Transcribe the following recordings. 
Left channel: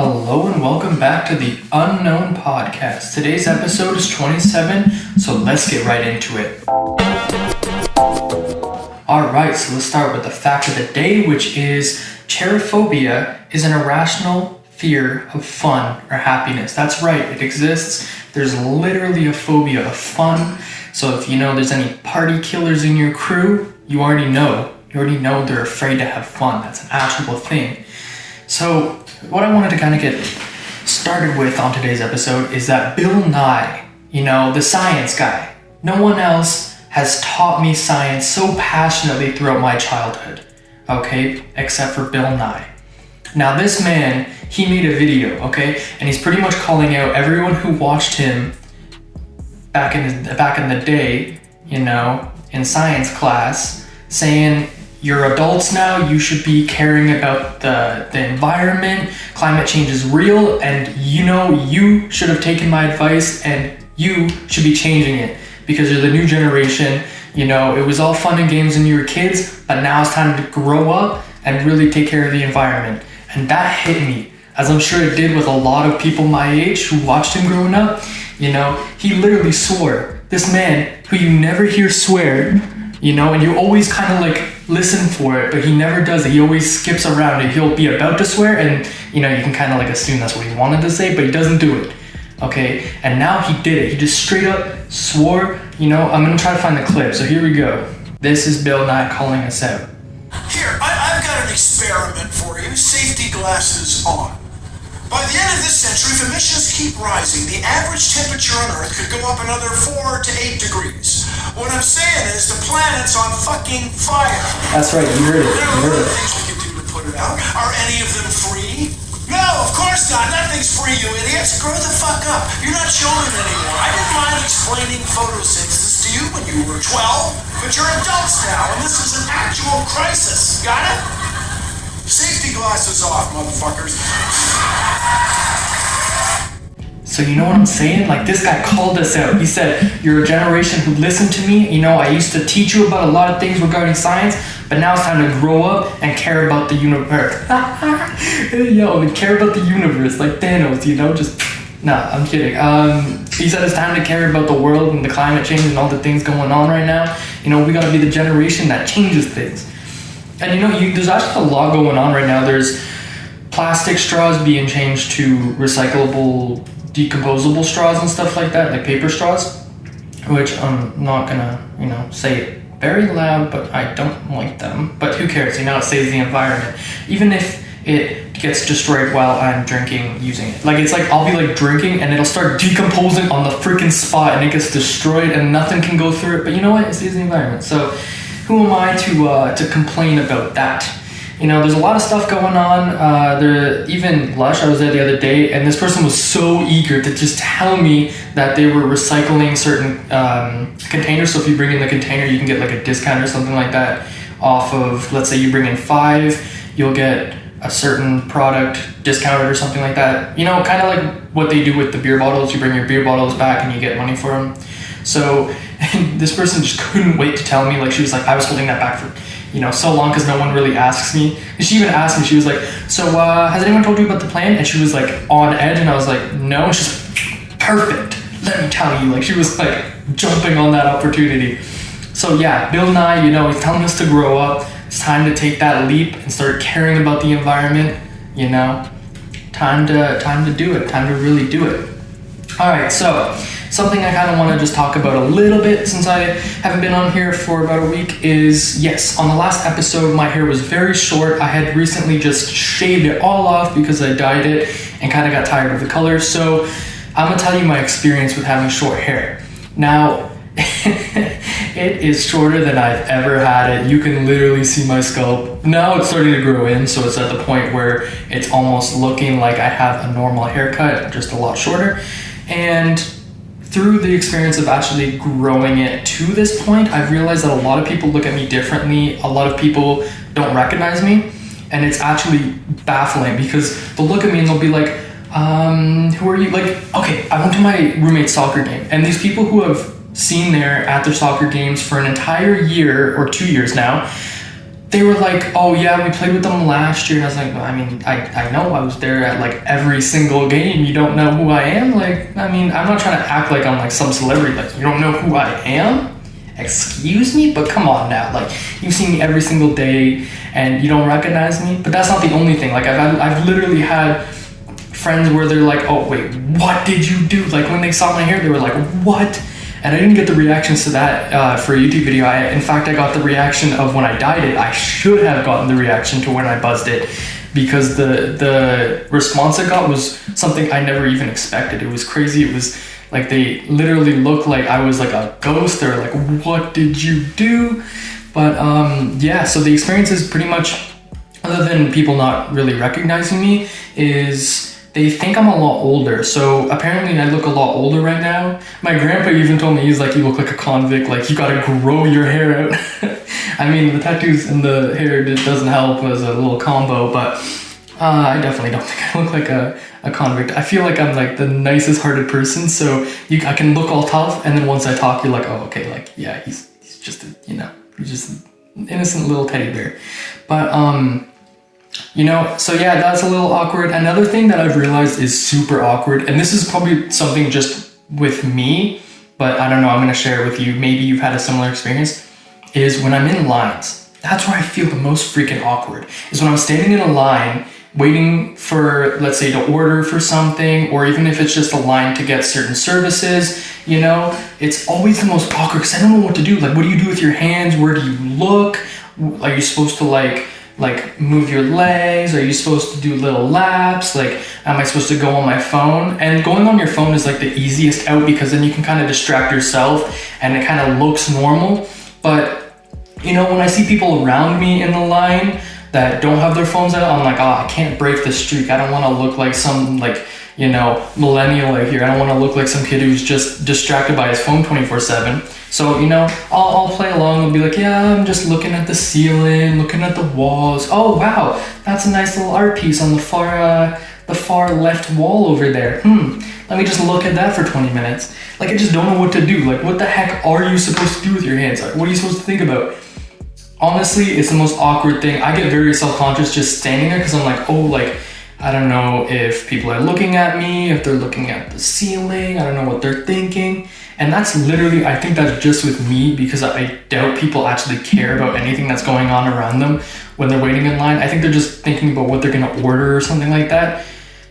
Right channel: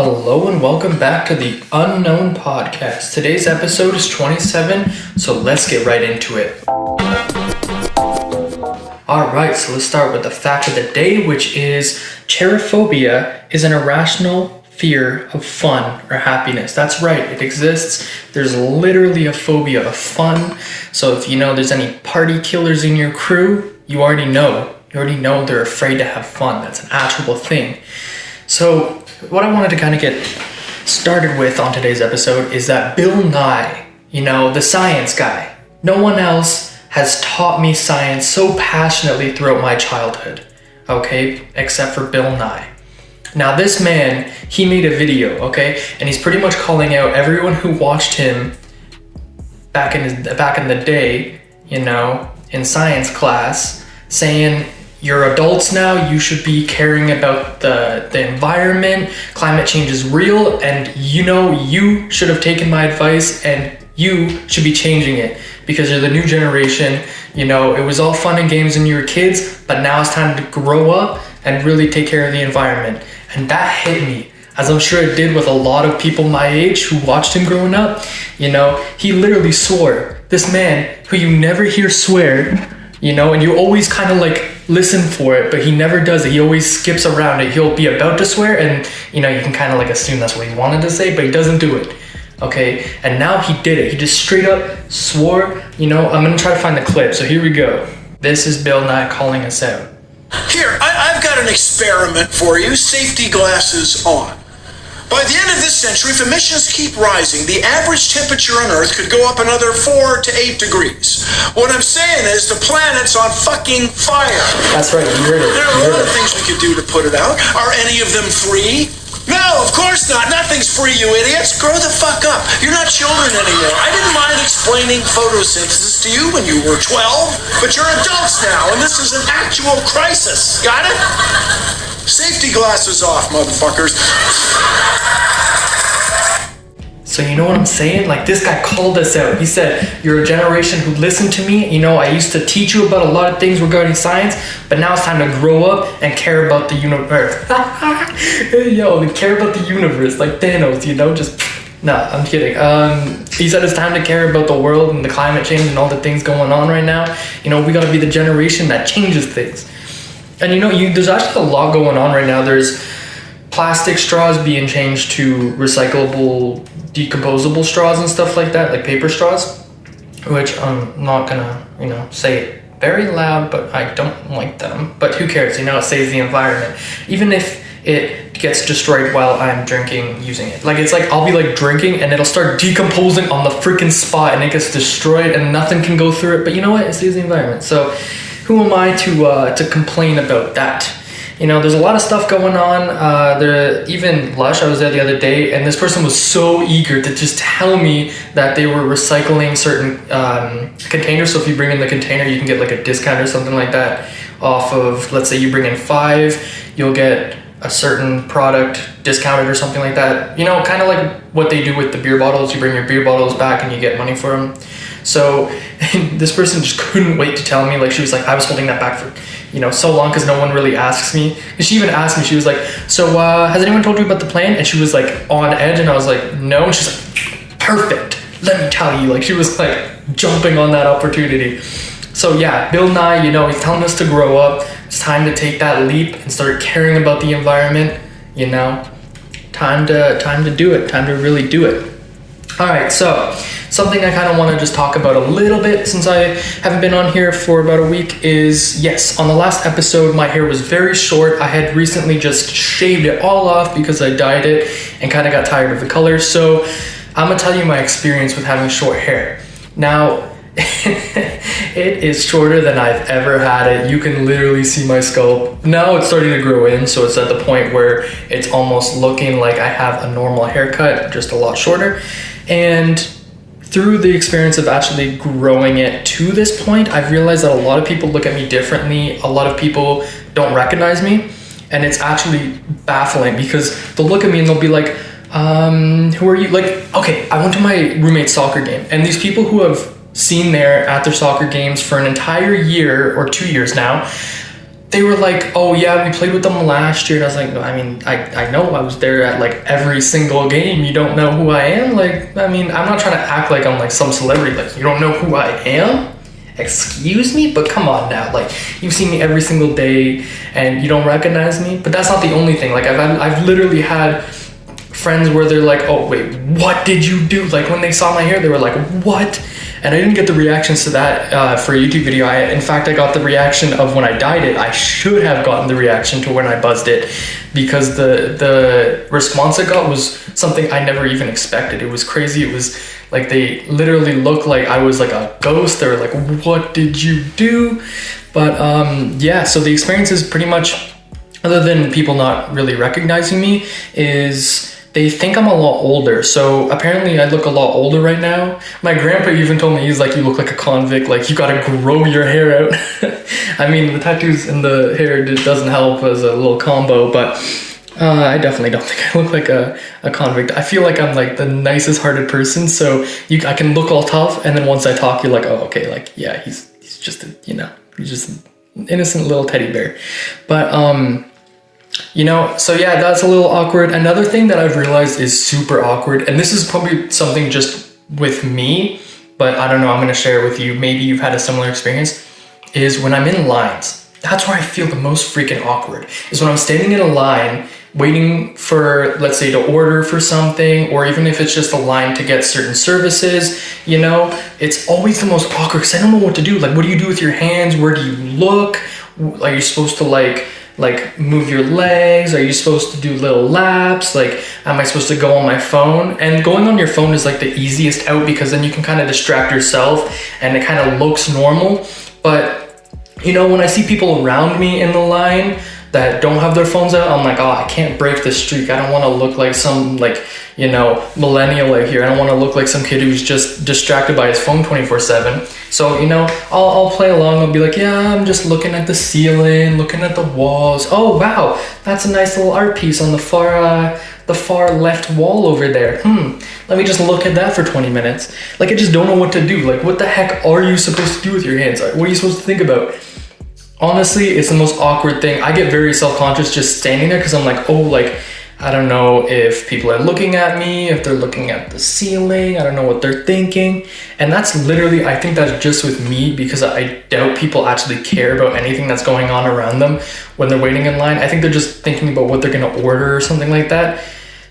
Hello and welcome back to the Unknown Podcast. Today's episode is 27, so let's get right into it. Alright, so let's start with the fact of the day, which is cherophobia is an irrational fear of fun or happiness. That's right, it exists. There's literally a phobia of fun. So if you know there's any party killers in your crew, you already know. You already know they're afraid to have fun. That's an actual thing. So what I wanted to kind of get started with on today's episode is that Bill Nye, the science guy, no one else has taught me science so passionately throughout my childhood, okay, except for Bill Nye. Now this man, he made a video, okay, and he's pretty much calling out everyone who watched him back in the day, in science class, saying, you're adults now, you should be caring about the environment, climate change is real, and you should have taken my advice and you should be changing it because you're the new generation. It was all fun and games when you were kids, but now it's time to grow up and really take care of the environment. And that hit me, as I'm sure it did with a lot of people my age who watched him growing up. He literally swore. This man who you never hear swear, and you always kind of listen for it, but he never does it. He always skips around it. He'll be about to swear and you can kind of assume that's what he wanted to say, but he doesn't do it. Okay, and now he did it. He just straight up swore. I'm gonna try to find the clip, so here we go. This is Bill Nye calling us out. Here, I've got an experiment for you. Safety glasses on. By the end of this century, if emissions keep rising, the average temperature on Earth could go up another 4 to 8 degrees. What I'm saying is the planet's on fucking fire. That's right, you heard it. There are a lot of things we could do to put it out. Are any of them free? No, of course not. Nothing's free, you idiots. Grow the fuck up. You're not children anymore. I didn't mind explaining photosynthesis to you when you were 12, but you're adults now, and this is an actual crisis. Got it? Safety glasses off, motherfuckers. So you know what I'm saying? This guy called us out. He said, you're a generation who listened to me. I used to teach you about a lot of things regarding science, but now it's time to grow up and care about the universe. Care about the universe, like Thanos, Nah, I'm kidding. He said it's time to care about the world and the climate change and all the things going on right now. We gotta be the generation that changes things. And there's actually a lot going on right now. There's plastic straws being changed to recyclable, decomposable straws and stuff like that, like paper straws, which I'm not gonna, say it very loud, but I don't like them. But who cares? It saves the environment. Even if it gets destroyed while I'm drinking using it. I'll be drinking and it'll start decomposing on the freaking spot and it gets destroyed and nothing can go through it. But you know what? It saves the environment. So who am I to complain about that? There's a lot of stuff going on. Even Lush, I was there the other day, and this person was so eager to just tell me that they were recycling certain containers. So if you bring in the container, you can get a discount or something like that off of, let's say you bring in 5, you'll get a certain product discounted or something like that. Kind of like what they do with the beer bottles. You bring your beer bottles back and you get money for them. So this person just couldn't wait to tell me. She was like, I was holding that back for so long because no one really asks me. And she even asked me, she was like, so has anyone told you about the plan? And she was on edge, and I was like, no. And she's like, perfect, let me tell you. She was jumping on that opportunity. So yeah, Bill Nye, he's telling us to grow up. It's time to take that leap and start caring about the environment. Time to do it, time to really do it. All right, so something I kind of want to just talk about a little bit since I haven't been on here for about a week is, yes, on the last episode, my hair was very short. I had recently just shaved it all off because I dyed it and kind of got tired of the color. So I'm going to tell you my experience with having short hair. Now, it is shorter than I've ever had it. You can literally see my scalp. Now it's starting to grow in, so it's at the point where it's almost looking like I have a normal haircut, just a lot shorter. And through the experience of actually growing it to this point, I've realized that a lot of people look at me differently. A lot of people don't recognize me, and it's actually baffling because they'll look at me and they'll be like, who are you? Okay, I went to my roommate's soccer game, and these people who have seen there at their soccer games for an entire year or 2 years now, they were like, oh yeah, we played with them last year. And I was like, I mean, I know I was there at like every single game. You don't know who I am? Like, I mean, I'm not trying to act like I'm like some celebrity. Like, you don't know who I am? Excuse me? But come on now. Like, you see me every single day and you don't recognize me? But that's not the only thing. Like, I've literally had friends where they're like, oh wait, what did you do? Like, when they saw my hair, they were like, what? And I didn't get the reactions to that for a YouTube video. In fact, I got the reaction of when I dyed it. I should have gotten the reaction to when I buzzed it, because the response I got was something I never even expected. It was crazy. It was like they literally looked like I was like a ghost. They were like, what did you do? But yeah, so the experience is pretty much, other than people not really recognizing me, is they think I'm a lot older. So apparently I look a lot older right now. My grandpa even told me, he's like, you look like a convict, like you gotta grow your hair out. I mean, the tattoos and the hair doesn't help as a little combo, but I definitely don't think I look like a convict. I feel like I'm like the nicest hearted person, so I can look all tough, and then once I talk, you're like, oh, okay, like, yeah, he's just a, he's just an innocent little teddy bear. But so yeah, that's a little awkward. Another thing that I've realized is super awkward, and this is probably something just with me, but I don't know, I'm gonna share it with you. Maybe you've had a similar experience, is when I'm in lines. That's where I feel the most freaking awkward, is when I'm standing in a line waiting for, let's say, to order for something, or even if it's just a line to get certain services, it's always the most awkward because I don't know what to do. Like, what do you do with your hands? Where do you look? Are you supposed to like move your legs? Are you supposed to do little laps? Like, am I supposed to go on my phone? And going on your phone is like the easiest out, because then you can kind of distract yourself and it kind of looks normal. But when I see people around me in the line that don't have their phones out, I'm like, oh, I can't break this streak. I don't want to look like some millennial out here. I don't want to look like some kid who's just distracted by his phone 24/7. So, I'll play along. I'll be like, yeah, I'm just looking at the ceiling, looking at the walls. Oh, wow, that's a nice little art piece on the far left wall over there. Let me just look at that for 20 minutes. Like, I just don't know what to do. Like, what the heck are you supposed to do with your hands? What are you supposed to think about? Honestly, it's the most awkward thing. I get very self-conscious just standing there, because I'm like, oh, like, I don't know if people are looking at me, if they're looking at the ceiling. I don't know what they're thinking. And that's literally, I think that's just with me, because I doubt people actually care about anything that's going on around them when they're waiting in line. I think they're just thinking about what they're gonna order or something like that.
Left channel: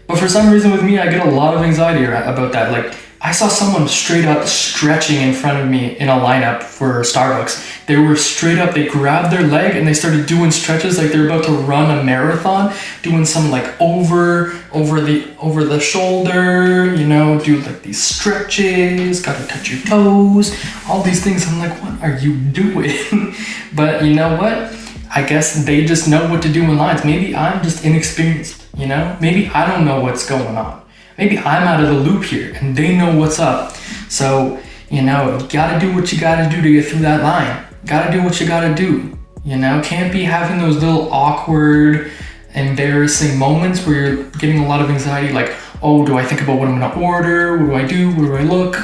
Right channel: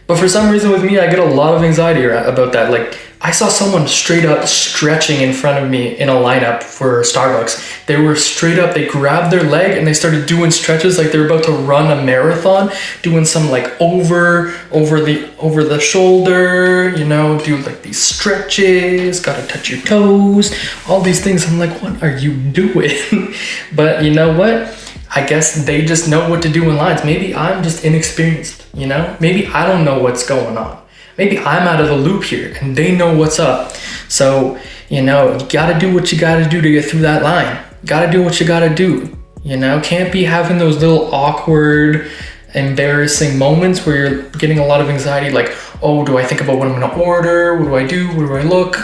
But for some reason with me, I get a lot of anxiety about that. Like, I saw someone straight up stretching in front of me in a lineup for Starbucks. They were straight up, they grabbed their leg and they started doing stretches like they were about to run a marathon, doing some like over the shoulder, do like these stretches, gotta touch your toes, all these things. I'm like, what are you doing? But you know what? I guess they just know what to do in lines. Maybe I'm just inexperienced, Maybe I don't know what's going on. Maybe I'm out of the loop here and they know what's up. So, you gotta do what you gotta do to get through that line. Gotta do what you gotta do, Can't be having those little awkward, embarrassing moments where you're getting a lot of anxiety, like, oh, do I think about what I'm gonna order? What do I do? Where do I look?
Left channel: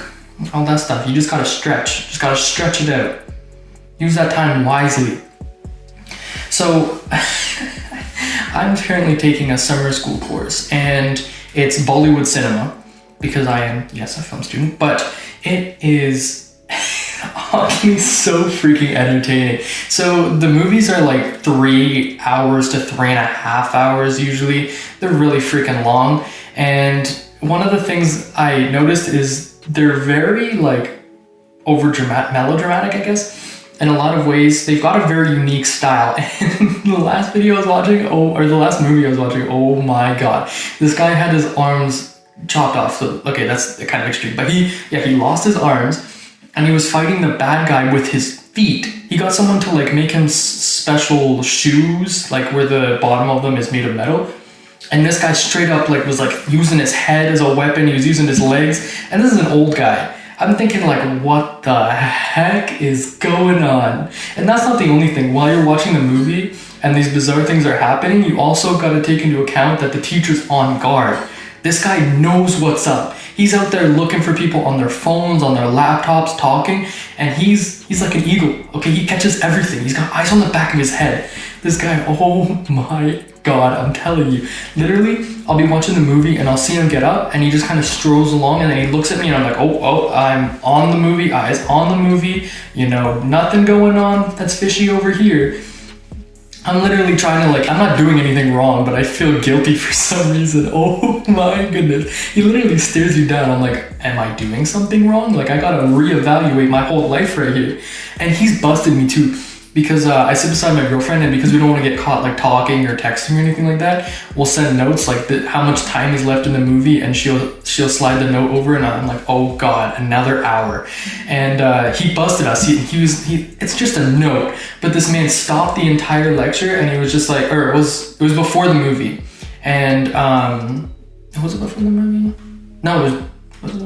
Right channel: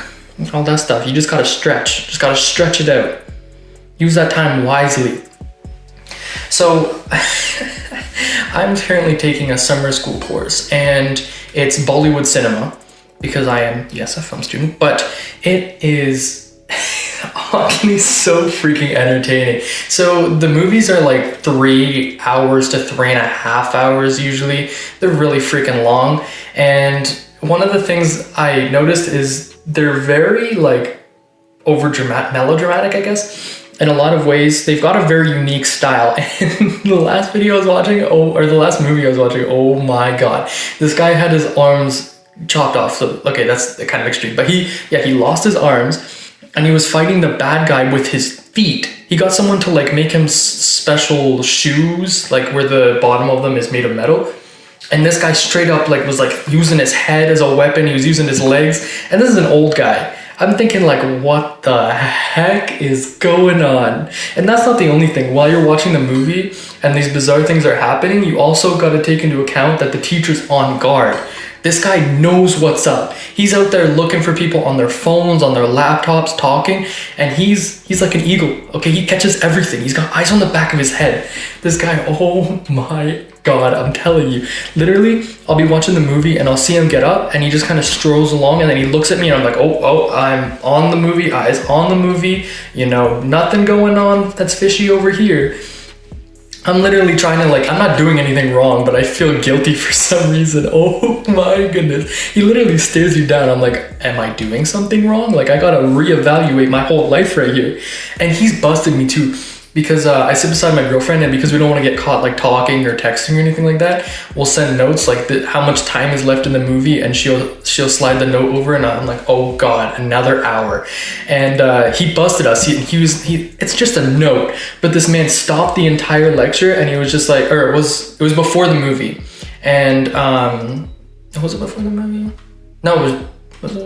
All that stuff. You just gotta stretch. Just gotta stretch it out. Use that time wisely. So, I'm currently taking a summer school course, and it's Bollywood cinema, because I am, yes, a film student, but it is honestly so freaking entertaining. So the movies are like 3 hours to 3.5 hours usually. They're really freaking long. And one of the things I noticed is they're very like melodramatic, I guess. In a lot of ways, they've got a very unique style. And the last video I was watching, the last movie I was watching, oh my god. This guy had his arms chopped off. So, okay, that's kind of extreme. But he lost his arms, and he was fighting the bad guy with his feet. He got someone to like make him special shoes, like where the bottom of them is made of metal. And this guy straight up like was like using his head as a weapon. He was using his legs. And this is an old guy. I'm thinking like, what the heck is going on? And that's not the only thing. While you're watching the movie and these bizarre things are happening, you also got to take into account that the teacher's on guard. This guy knows what's up. He's out there looking for people on their phones, on their laptops, talking, and he's like an eagle. Okay, he catches everything. He's got eyes on the back of his head. This guy, oh my God, I'm telling you. Literally, I'll be watching the movie and I'll see him get up and he just kind of strolls along and then he looks at me and I'm like, oh, I'm on the movie, eyes on the movie, you know, nothing going on that's fishy over here. I'm literally trying to like, I'm not doing anything wrong, but I feel guilty for some reason. Oh my goodness. He literally stares you down. I'm like, am I doing something wrong? Like I gotta reevaluate my whole life right here. And he's busted me too. Because I sit beside my girlfriend, and because we don't want to get caught like talking or texting or anything like that, we'll send notes like how much time is left in the movie, and she'll slide the note over, and I'm like, oh God, another hour. And he busted us. It's just a note, but this man stopped the entire lecture, and he was just like, or it was before the movie, and was it before the movie? No, it was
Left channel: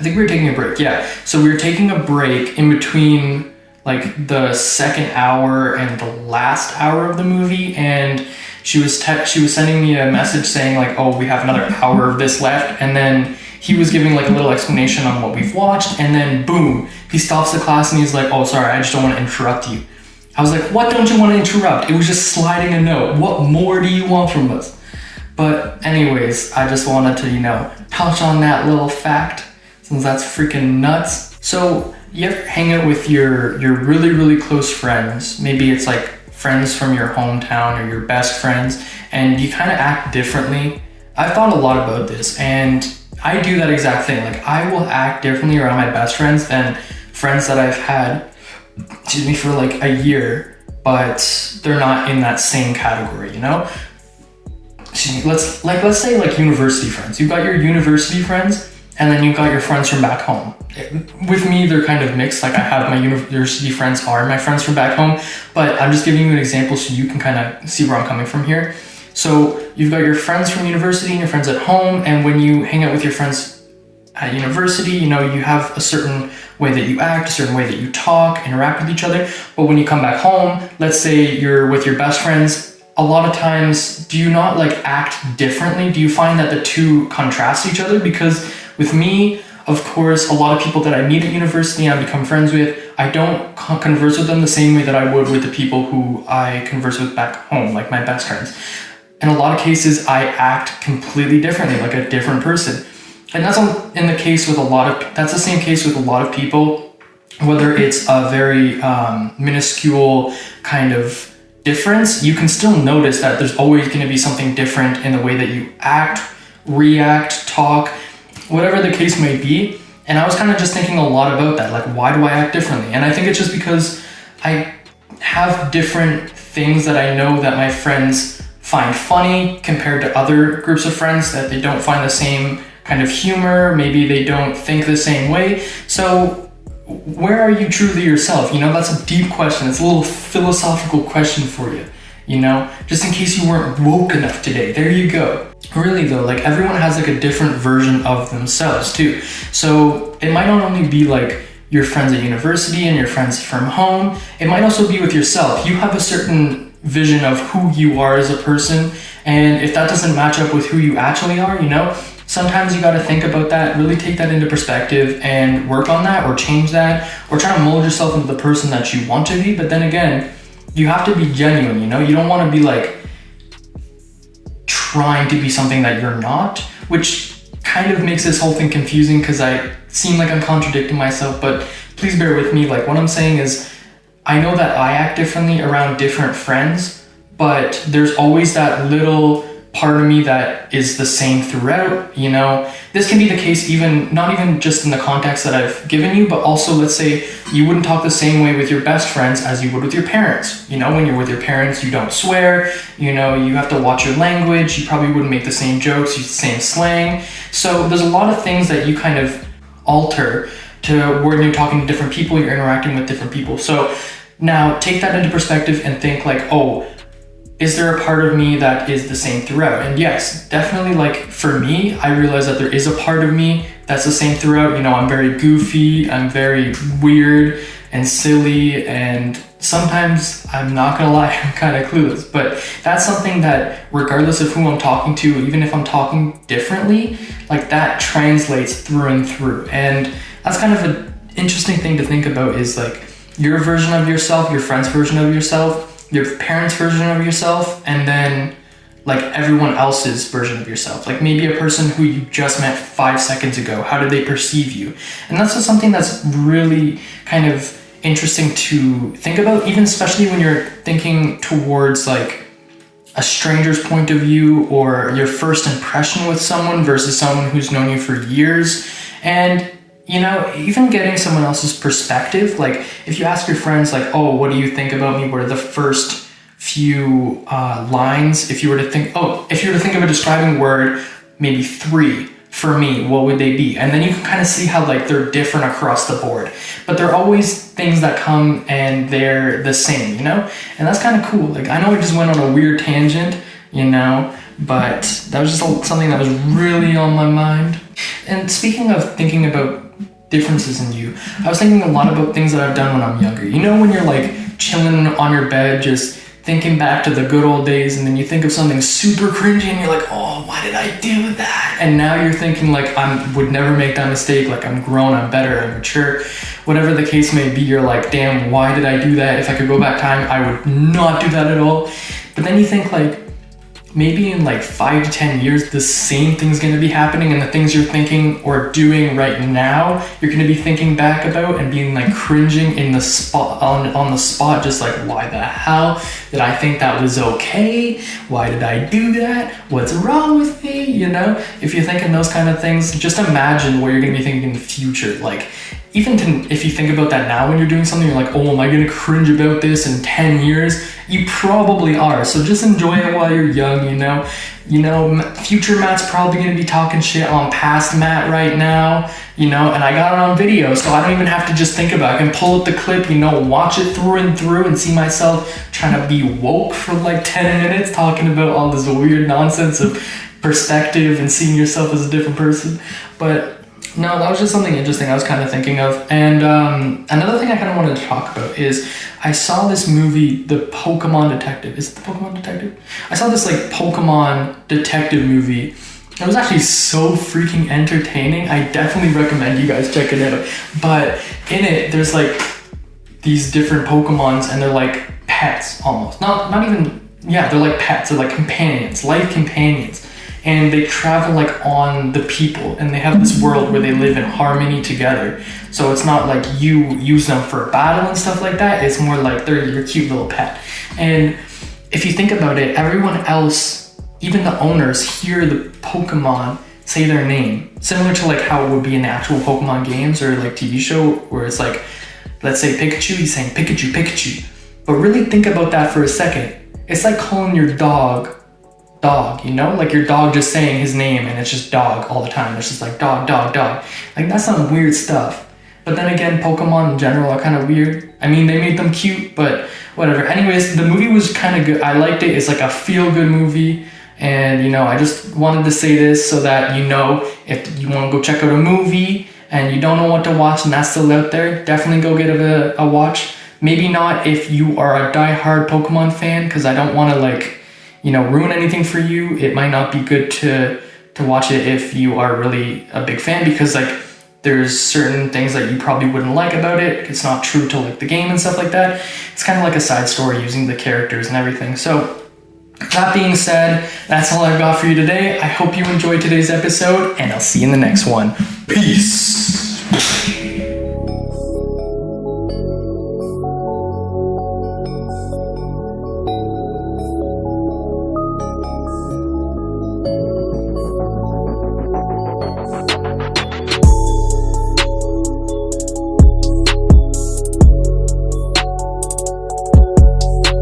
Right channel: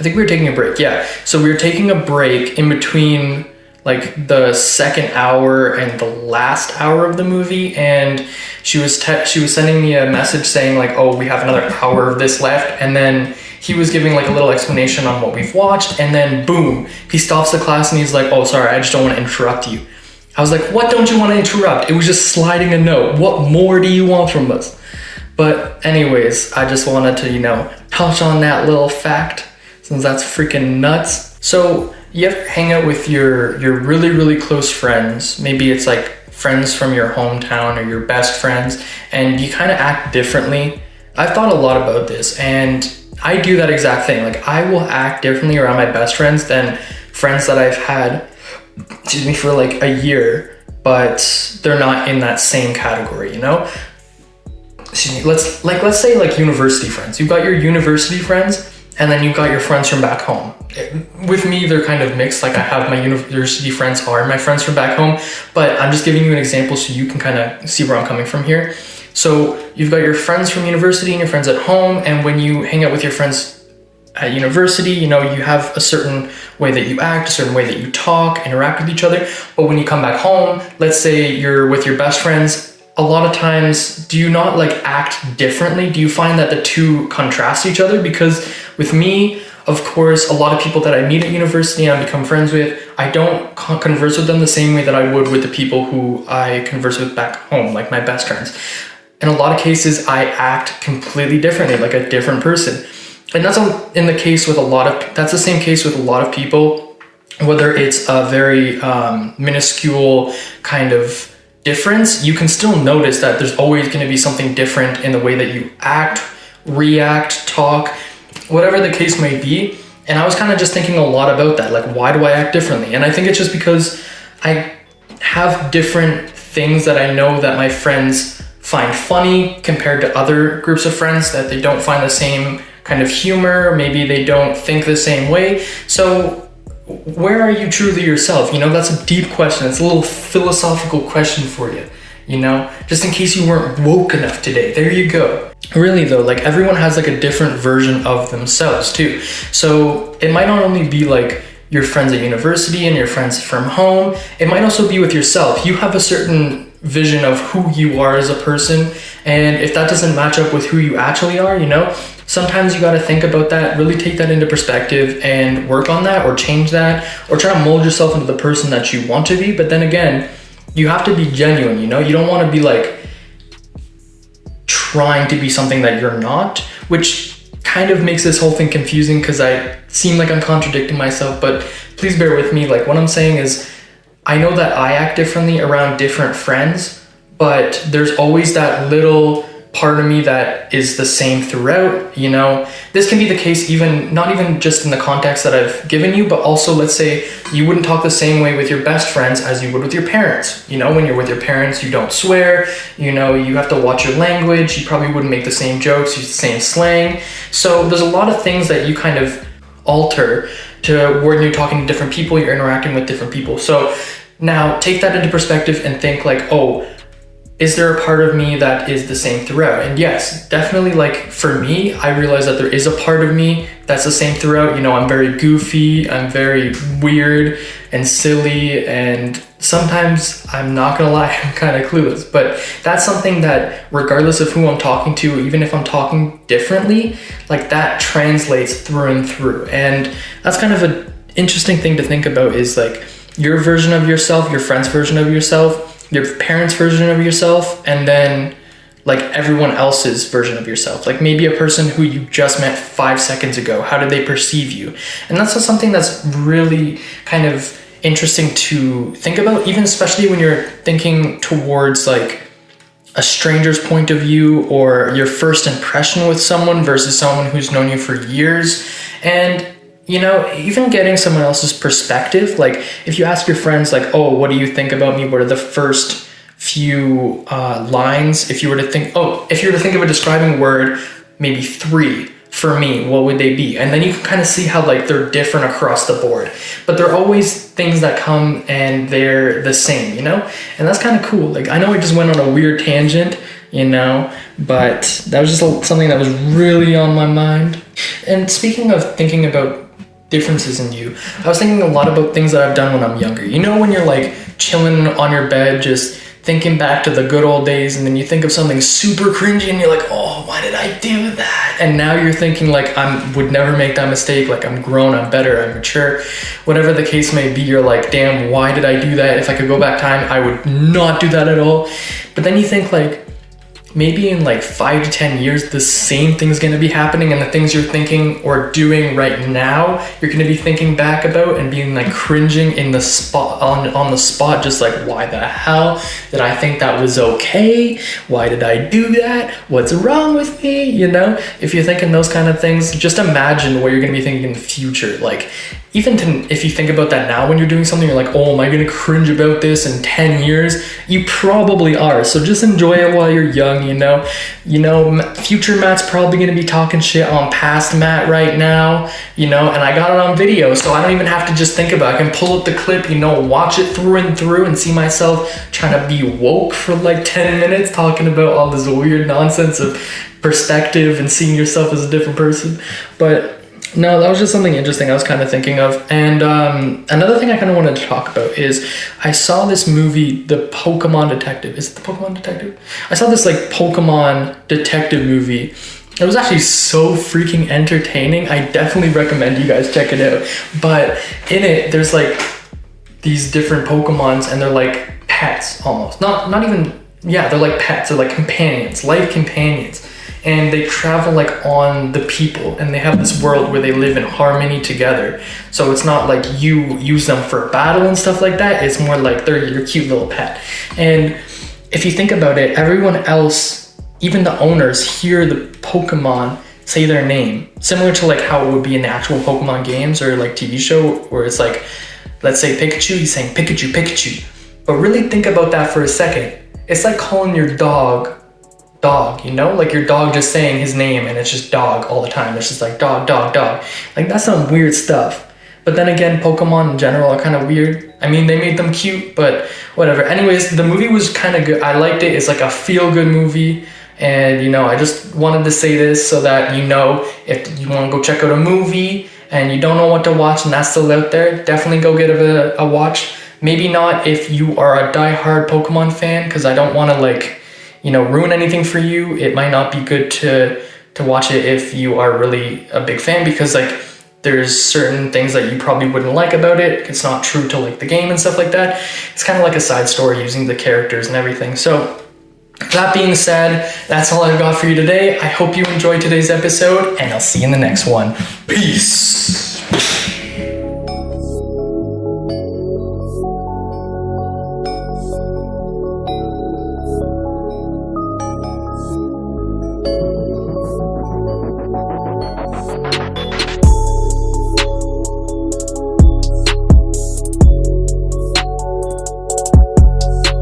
I think we were taking a break. Yeah. So we were taking a break in between like the second hour and the last hour of the movie. And she was sending me a message saying like, oh, we have another hour of this left. And then he was giving like a little explanation on what we've watched. And then boom, he stops the class and he's like, oh, sorry, I just don't want to interrupt you. I was like, what don't you want to interrupt? It was just sliding a note. What more do you want from us? But anyways, I just wanted to, you know, touch on that little fact, since that's freaking nuts. So you ever hang out with your really, really close friends? Maybe it's like friends from your hometown or your best friends, and you kind of act differently. I've thought a lot about this, and I do that exact thing. Like I will act differently around my best friends than friends that I've had, for like a year, but they're not in that same category, you know? Let's say like university friends. You've got your university friends, and then you've got your friends from back home. With me, they're kind of mixed. Like I have my university friends are my friends from back home, but I'm just giving you an example so you can kind of see where I'm coming from here. So you've got your friends from university and your friends at home, and when you hang out with your friends at university, you know, you have a certain way that you act, a certain way that you talk, interact with each other. But when you come back home, let's say you're with your best friends, a lot of times, do you not like act differently? Do you find that the two contrast each other? Because with me, of course, a lot of people that I meet at university and I become friends with, I don't converse with them the same way that I would with the people who I converse with back home, like my best friends. In a lot of cases, I act completely differently, like a different person. And that's the same case with a lot of people, whether it's a very minuscule kind of difference, you can still notice that there's always going to be something different in the way that you act, react, talk, whatever the case may be. And I was kind of just thinking a lot about that, like why do I act differently? And I think it's just because I have different things that I know that my friends find funny compared to other groups of friends, that they don't find the same kind of humor, maybe they don't think the same way. So where are you truly yourself? You know, that's a deep question. It's a little philosophical question for you, you know, just in case you weren't woke enough today. There you go. Really though, like everyone has like a different version of themselves too. So it might not only be like your friends at university and your friends from home, it might also be with yourself. You have a certain vision of who you are as a person, and if that doesn't match up with who you actually are, you know, sometimes you got to think about that, really take that into perspective and work on that or change that or try to mold yourself into the person that you want to be. But then again, you have to be genuine, you know? You don't want to be like trying to be something that you're not, which kind of makes this whole thing confusing because I seem like I'm contradicting myself, but please bear with me. Like what I'm saying is I know that I act differently around different friends, but there's always that little part of me that is the same throughout, you know. This can be the case not even just in the context that I've given you, but also let's say you wouldn't talk the same way with your best friends as you would with your parents. You know, when you're with your parents, you don't swear, you know, you have to watch your language, you probably wouldn't make the same jokes, use the same slang. So there's a lot of things that you kind of alter to when you're talking to different people, you're interacting with different people. So now take that into perspective and think like, oh, is there a part of me that is the same throughout? And yes, definitely, like for me, I realize that there is a part of me that's the same throughout. You know, I'm very goofy, I'm very weird and silly, and sometimes, I'm not gonna lie, I'm kind of clueless. But that's something that regardless of who I'm talking to, even if I'm talking differently, like that translates through and through. And that's kind of an interesting thing to think about, is like your version of yourself, your friend's version of yourself, your parents' version of yourself, and then like everyone else's version of yourself. Like maybe a person who you just met 5 seconds ago, how did they perceive you? And that's just something that's really kind of interesting to think about, even especially when you're thinking towards like a stranger's point of view or your first impression with someone versus someone who's known you for years. And you know, even getting someone else's perspective, like if you ask your friends like, oh, what do you think about me? What are the first few lines? If you were to think of a describing word, maybe 3 for me, what would they be? And then you can kind of see how like they're different across the board, but there are always things that come and they're the same, you know? And that's kind of cool. Like I know I just went on a weird tangent, you know, but that was just something that was really on my mind. And speaking of thinking about differences in you, I was thinking a lot about things that I've done when I'm younger. You know, when you're like chilling on your bed, just thinking back to the good old days, and then you think of something super cringy and you're like, oh, why did I do that? And now you're thinking like, I would never make that mistake. Like I'm grown, I'm better, I'm mature, whatever the case may be. You're like, damn, why did I do that? If I could go back time, I would not do that at all. But then you think like, maybe in like 5 to 10 years, the same thing's going to be happening, and the things you're thinking or doing right now, you're going to be thinking back about and being like cringing in the spot, on the spot, just like, why the hell did I think that was okay? Why did I do that? What's wrong with me? You know, if you're thinking those kind of things, just imagine what you're going to be thinking in the future. Like, if you think about that now when you're doing something, you're like, oh, am I going to cringe about this in 10 years? You probably are. So just enjoy it while you're young, you know? Future Matt's probably going to be talking shit on past Matt right now, you know? And I got it on video, so I don't even have to just think about it. I can pull up the clip, you know, watch it through and through and see myself trying to be woke for like 10 minutes talking about all this weird nonsense of perspective and seeing yourself as a different person. But no, that was just something interesting I was kind of thinking of. And another thing I kind of wanted to talk about is I saw this movie, The Pokemon Detective. Is it The Pokemon Detective? I saw this like Pokemon detective movie. It was actually so freaking entertaining. I definitely recommend you guys check it out. But in it, there's like these different Pokemons, and they're like pets almost. Not even, yeah, they're like pets. They're like companions, life companions. And they travel like on the people, and they have this world where they live in harmony together. So it's not like you use them for battle and stuff like that. It's more like they're your cute little pet. And if you think about it, everyone else, even the owners, hear the Pokemon say their name, similar to like how it would be in the actual Pokemon games or like TV show, where it's like, let's say Pikachu, he's saying Pikachu, Pikachu. But really think about that for a second. It's like calling your dog, you know, like your dog just saying his name, and it's just dog all the time. It's just like dog, dog, dog. Like that's some weird stuff. But then again, Pokemon in general are kind of weird. I mean, they made them cute, but whatever. Anyways, the movie was kind of good. I liked it. It's like a feel-good movie. And, you know, I just wanted to say this so that, you know, if you want to go check out a movie and you don't know what to watch and that's still out there, definitely go get a watch. Maybe not if you are a diehard Pokemon fan, because I don't want to like, you know, ruin anything for you. It might not be good to watch it if you are really a big fan, because like there's certain things that you probably wouldn't like about it. It's not true to like the game and stuff like that. It's kind of like a side story using the characters and everything. So that being said, that's all I've got for you today. I hope you enjoyed today's episode, and I'll see you in the next one. Peace.